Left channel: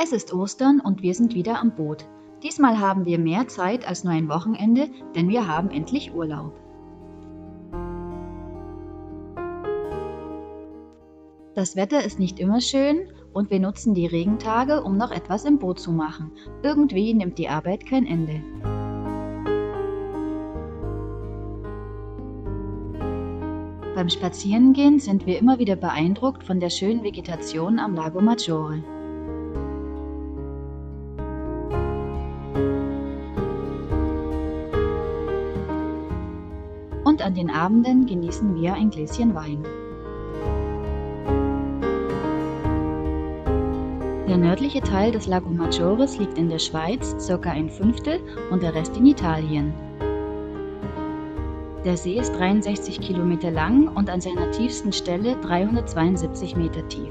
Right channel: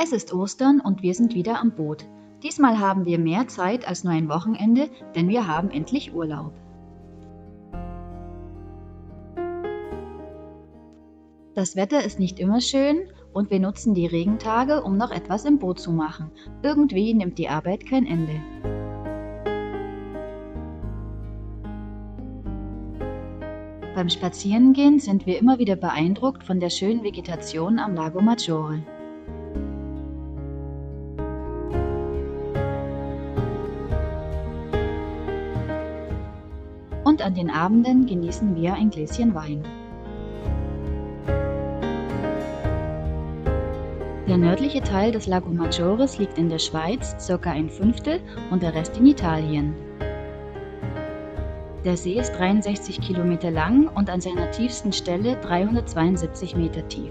Es ist Ostern und wir sind wieder am Boot. Diesmal haben wir mehr Zeit als nur ein Wochenende, denn wir haben endlich Urlaub. Das Wetter ist nicht immer schön und wir nutzen die Regentage, um noch etwas im Boot zu machen. Irgendwie nimmt die Arbeit kein Ende. Beim Spazierengehen sind wir immer wieder beeindruckt von der schönen Vegetation am Lago Maggiore. Und an den Abenden genießen wir ein Gläschen Wein. Der nördliche Teil des Lago Maggiores liegt in der Schweiz, ca. ein Fünftel, und der Rest in Italien. Der See ist 63 Kilometer lang und an seiner tiefsten Stelle 372 Meter tief.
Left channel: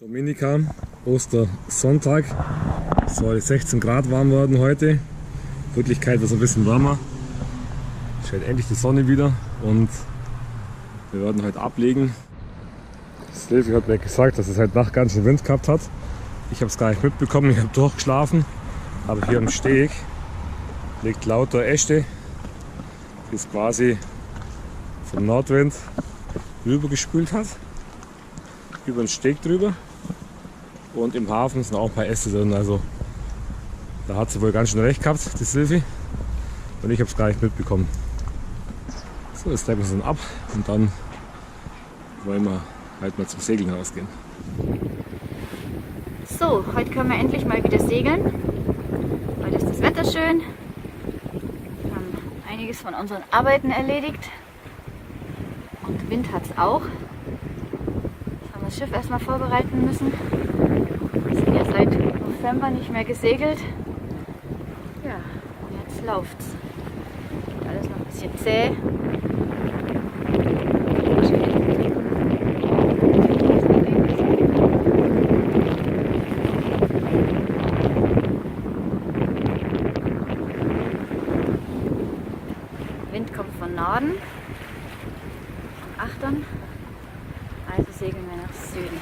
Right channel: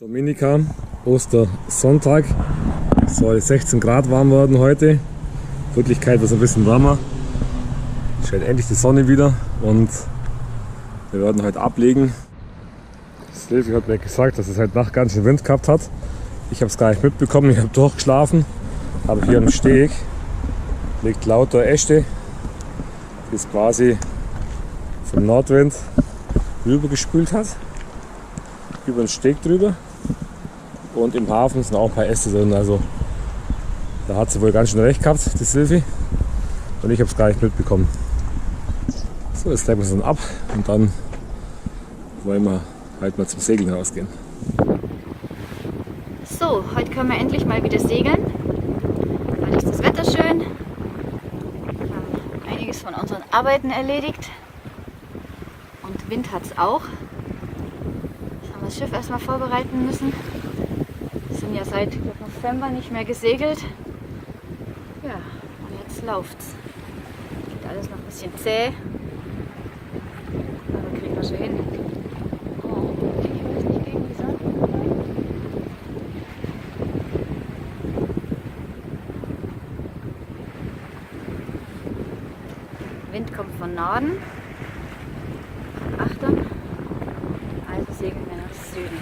Dominica, Ostersonntag, es soll 16 Grad warm werden heute. In Wirklichkeit wird es ein bisschen wärmer. Es scheint endlich die Sonne wieder und wir werden heute ablegen. Silvi hat mir gesagt, dass es heute Nacht ganz schön Wind gehabt hat. Ich habe es gar nicht mitbekommen, ich habe durchgeschlafen. Aber hier am Steg liegt lauter Äste, die es quasi vom Nordwind rübergespült hat. Über den Steg drüber. Und im Hafen sind auch ein paar Äste drin, also da hat sie wohl ganz schön recht gehabt, die Silvi. Und ich habe es gar nicht mitbekommen. So, jetzt gleich wir uns ab und dann wollen wir halt mal zum Segeln rausgehen. So, heute können wir endlich mal wieder segeln. Heute ist das Wetter schön. Wir haben einiges von unseren Arbeiten erledigt. Und Wind hat es auch. Jetzt haben wir das Schiff erstmal vorbereiten müssen. Wir sind ja seit November nicht mehr gesegelt. Ja, und jetzt läuft's. Geht alles noch ein bisschen zäh. Aber kriegen wir schon hin. Wind kommt von Norden, von Achtern, also segeln wir nach Süden.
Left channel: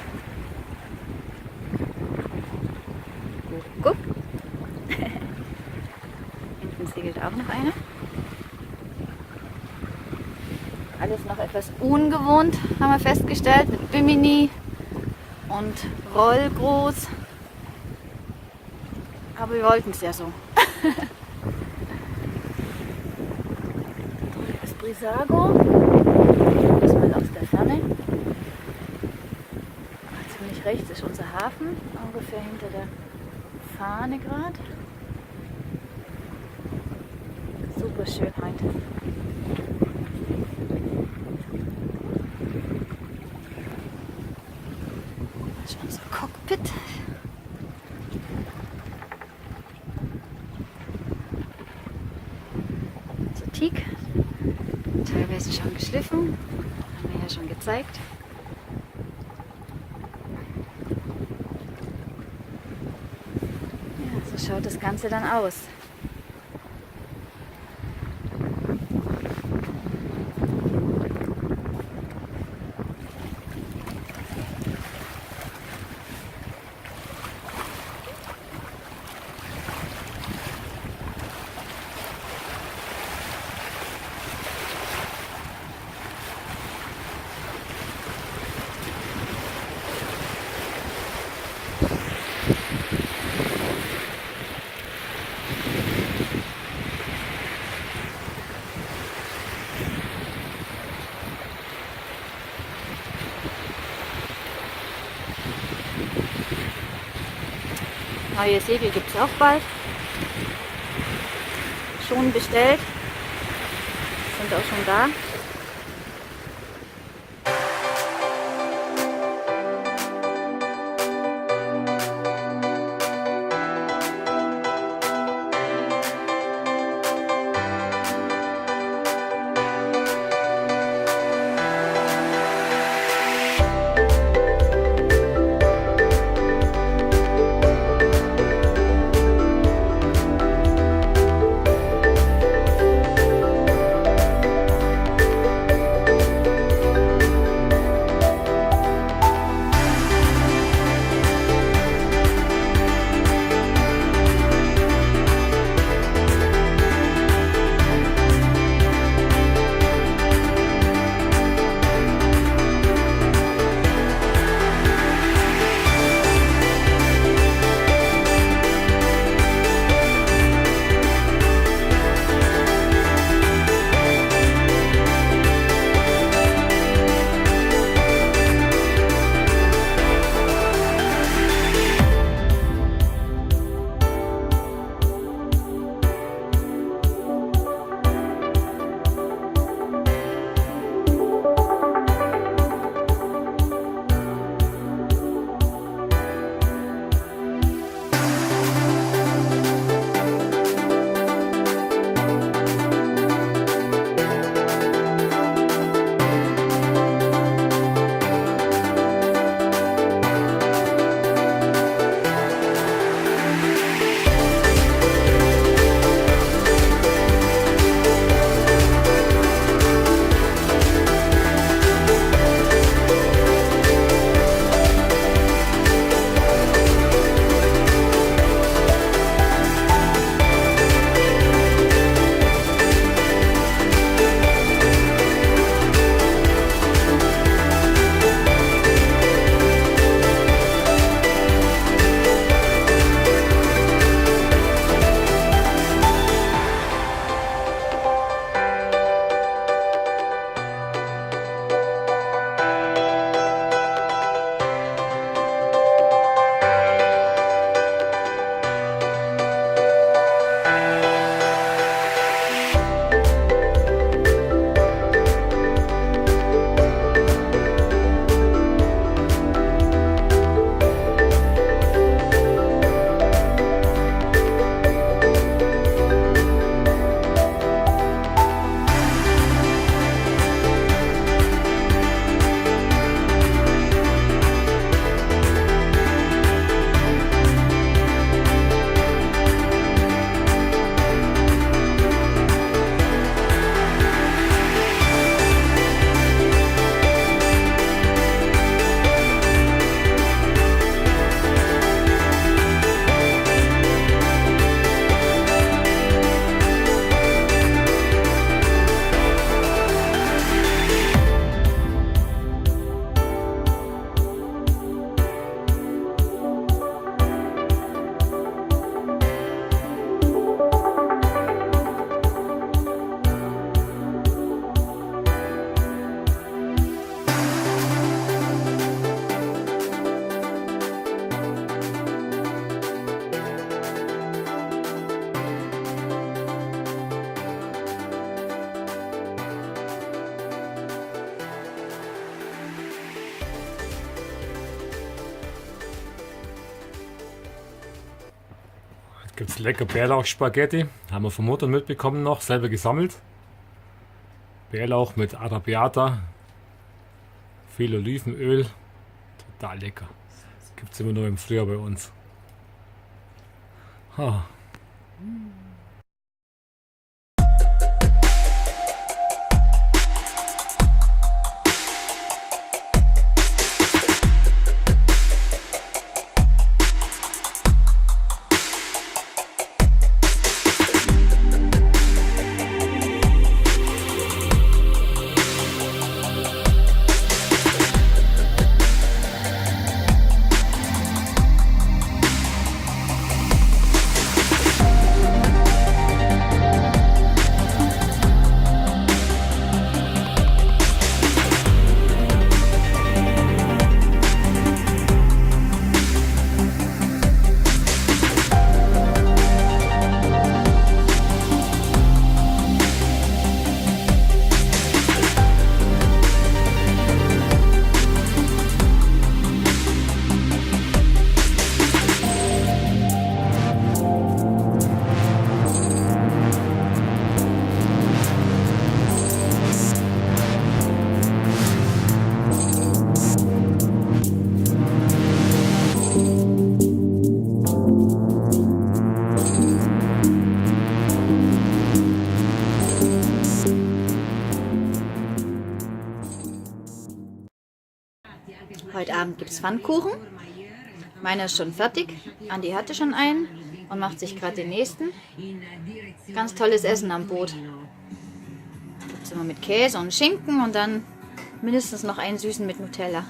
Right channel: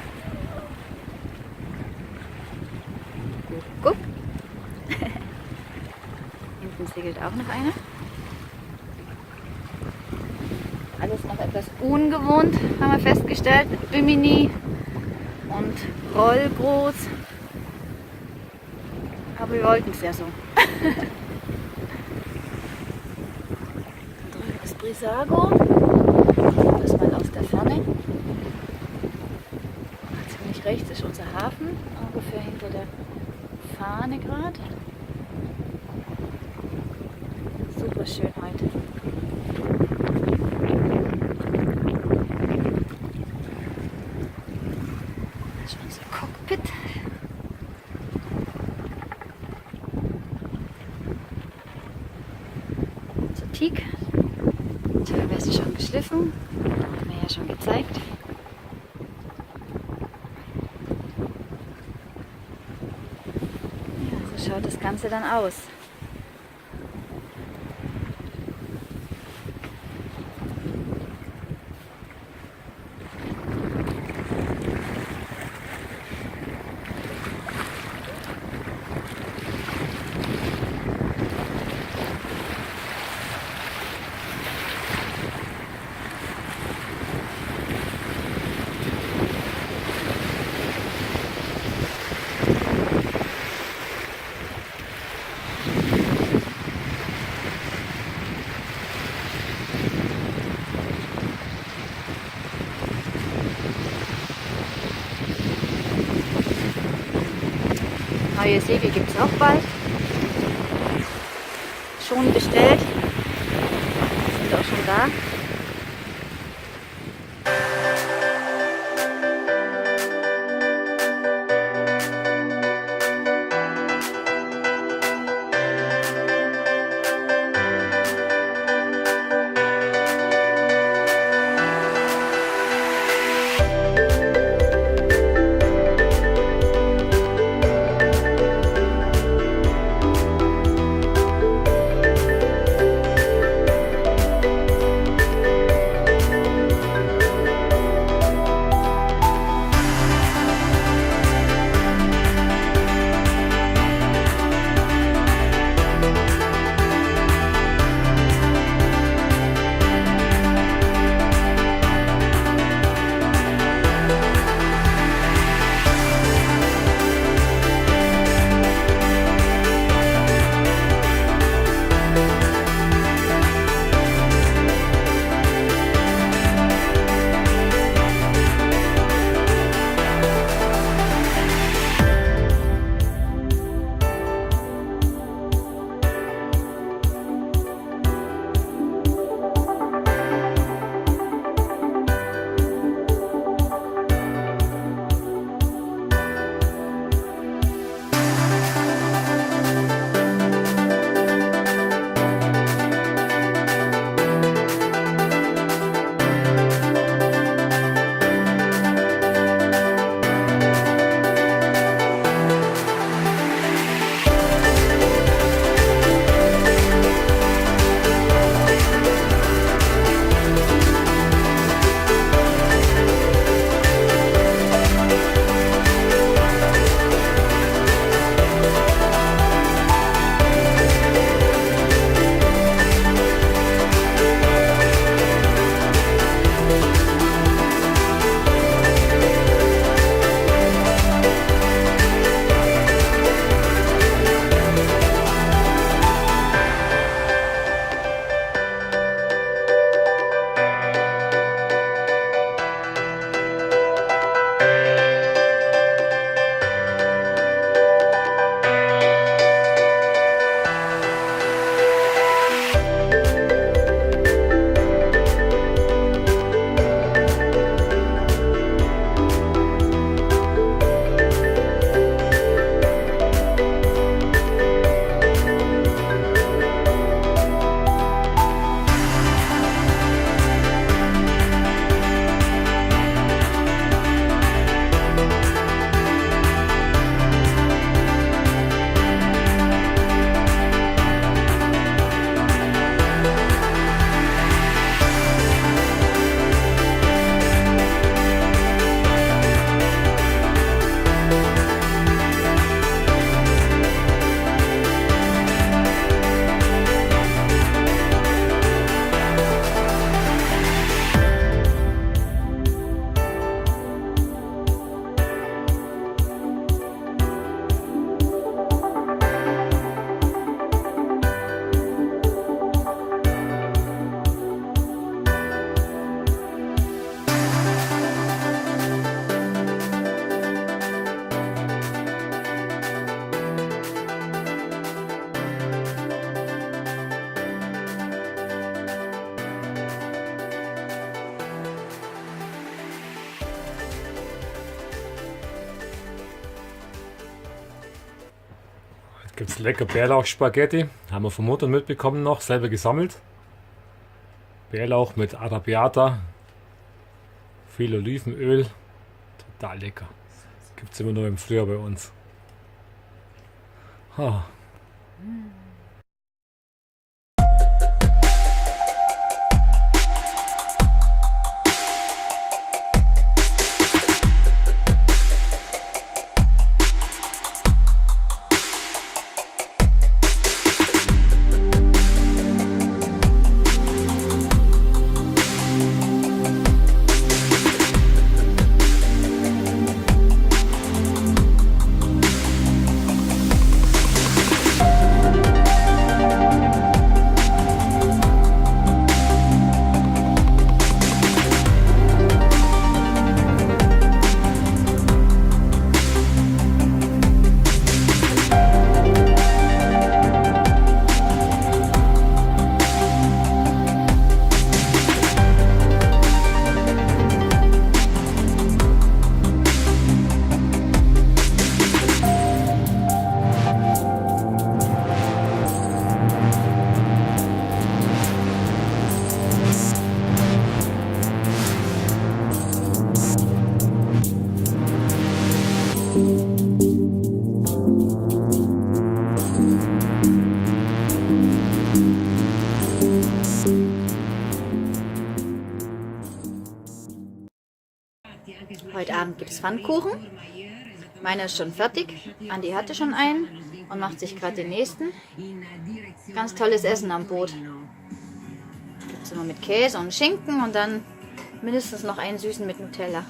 Guck, guck. Hinten segelt auch noch einer. Alles noch etwas ungewohnt, haben wir festgestellt, mit Bimini und Rollgroß. Aber wir wollten es ja so. Drüben ist Brissago, das mal aus der Ferne. Ziemlich rechts ist unser Hafen, ungefähr hinter der Fahne gerade. Super schön heute. Das ist unser Cockpit. Unser Teak. Teilweise schon geschliffen. Haben wir ja schon gezeigt. Ja, so schaut das Ganze dann aus. Neue Segel gibt es auch bald. Schon bestellt. Sind auch schon da. Gibt es lecker Bärlauchspaghetti. Haben wir von Mutter mitbekommen noch, selber gesammelt. Bärlauch mit Arrabbiata, viel Olivenöl. Total lecker. Gibt es immer nur im Frühjahr bei uns. Ha. Heute Abend gibt es Pfannkuchen. Meiner ist schon fertig. Andi hatte schon einen und macht sich gerade den nächsten. Ganz tolles Essen am Boot. Gibt es immer mit Käse und Schinken und dann mindestens noch einen süßen mit Nutella.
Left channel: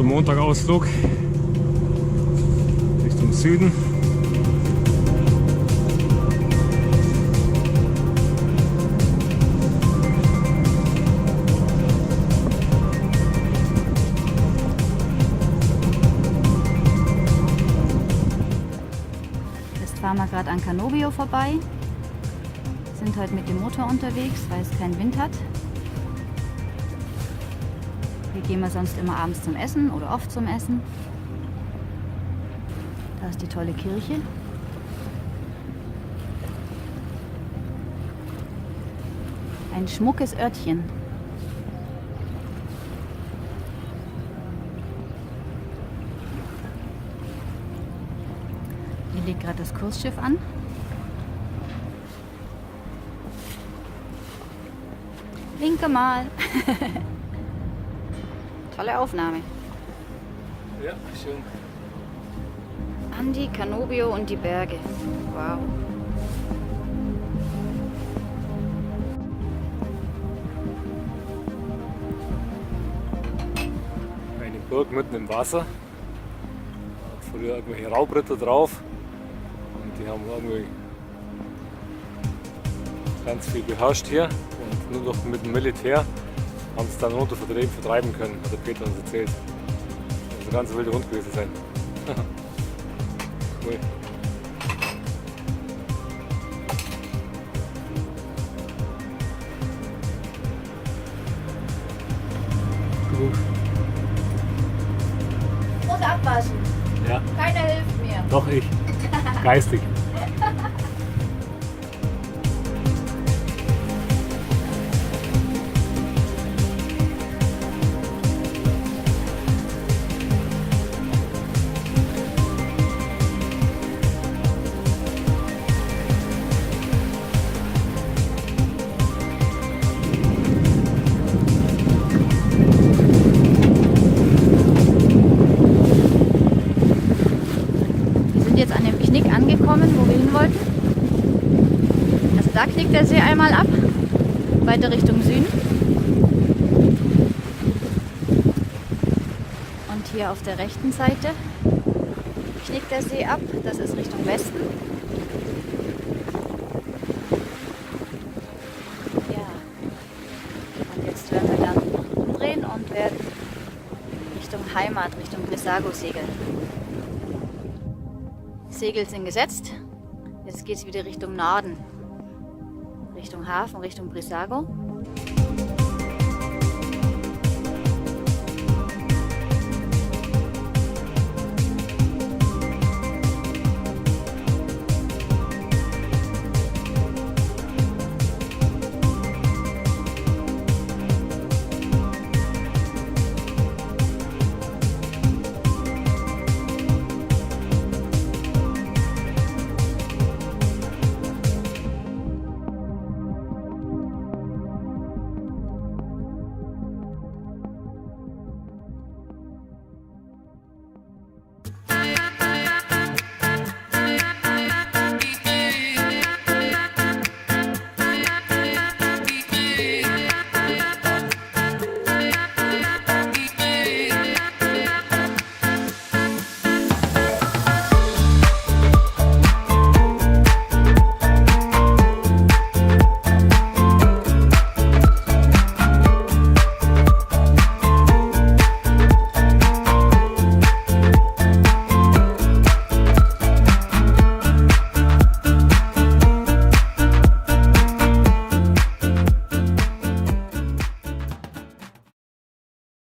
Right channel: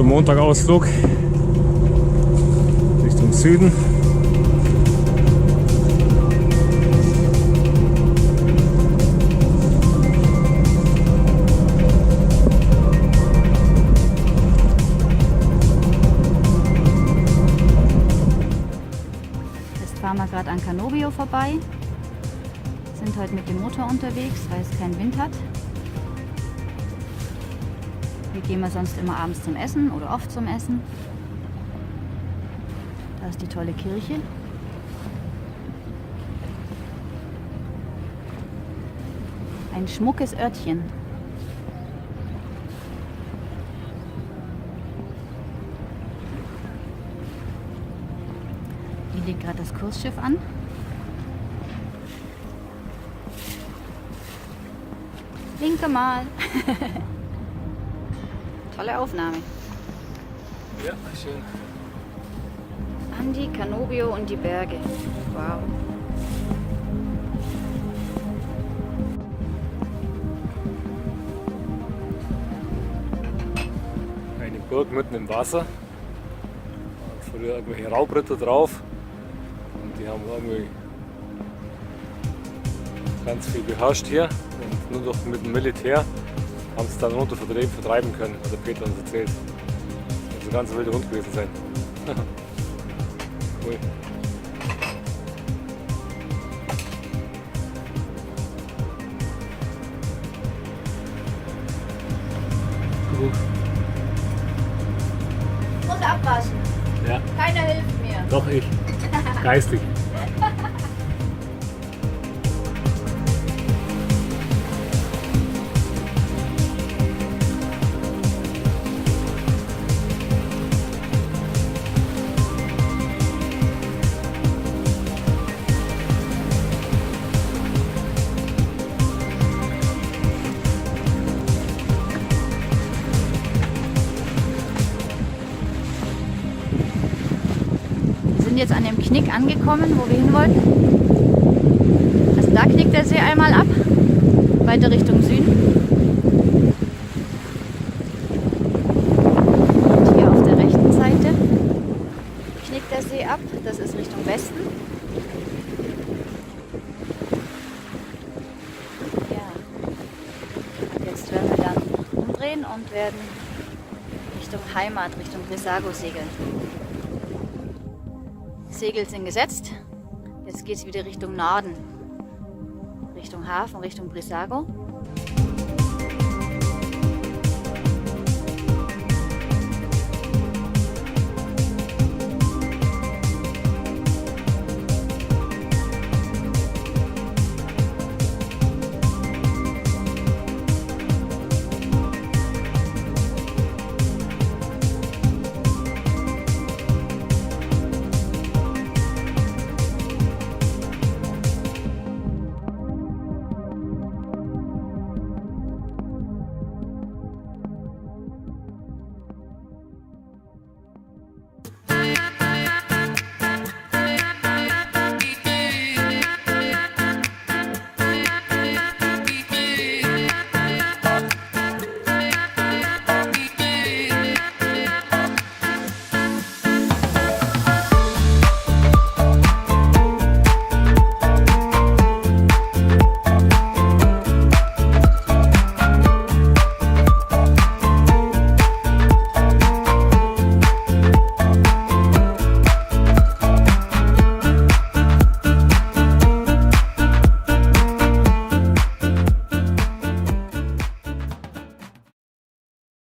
Montagausflug Richtung Süden. Jetzt fahren wir gerade an Canobio vorbei. Sind heute mit dem Motor unterwegs, weil es keinen Wind hat. Hier gehen wir sonst immer abends zum Essen oder oft zum Essen. Da ist die tolle Kirche. Ein schmuckes Örtchen. Hier legt gerade das Kursschiff an. Winke mal. Tolle Aufnahme. Ja, schön. Andi, Canobio und die Berge. Wow. Eine Burg mitten im Wasser. Früher irgendwelche Raubritter drauf. Und die haben irgendwie ganz viel beherrscht hier. Und nur noch mit dem Militär haben sie es dann runter vertreiben können, hat der Peter uns erzählt. Das muss ein ganz wilder Hund gewesen sein. Cool. Und abwaschen. Ja. Keiner hilft mir. Doch ich. Geistig. Jetzt an dem Knick angekommen, wo wir hin wollten. Also da knickt der See einmal ab, weiter Richtung Süden. biegt der See ab. Das ist Richtung Westen. Ja. Und jetzt werden wir dann umdrehen und werden Richtung Heimat, Richtung Brissago segeln. Die Segel sind gesetzt. Jetzt geht es wieder Richtung Norden. Richtung Hafen, Richtung Brissago.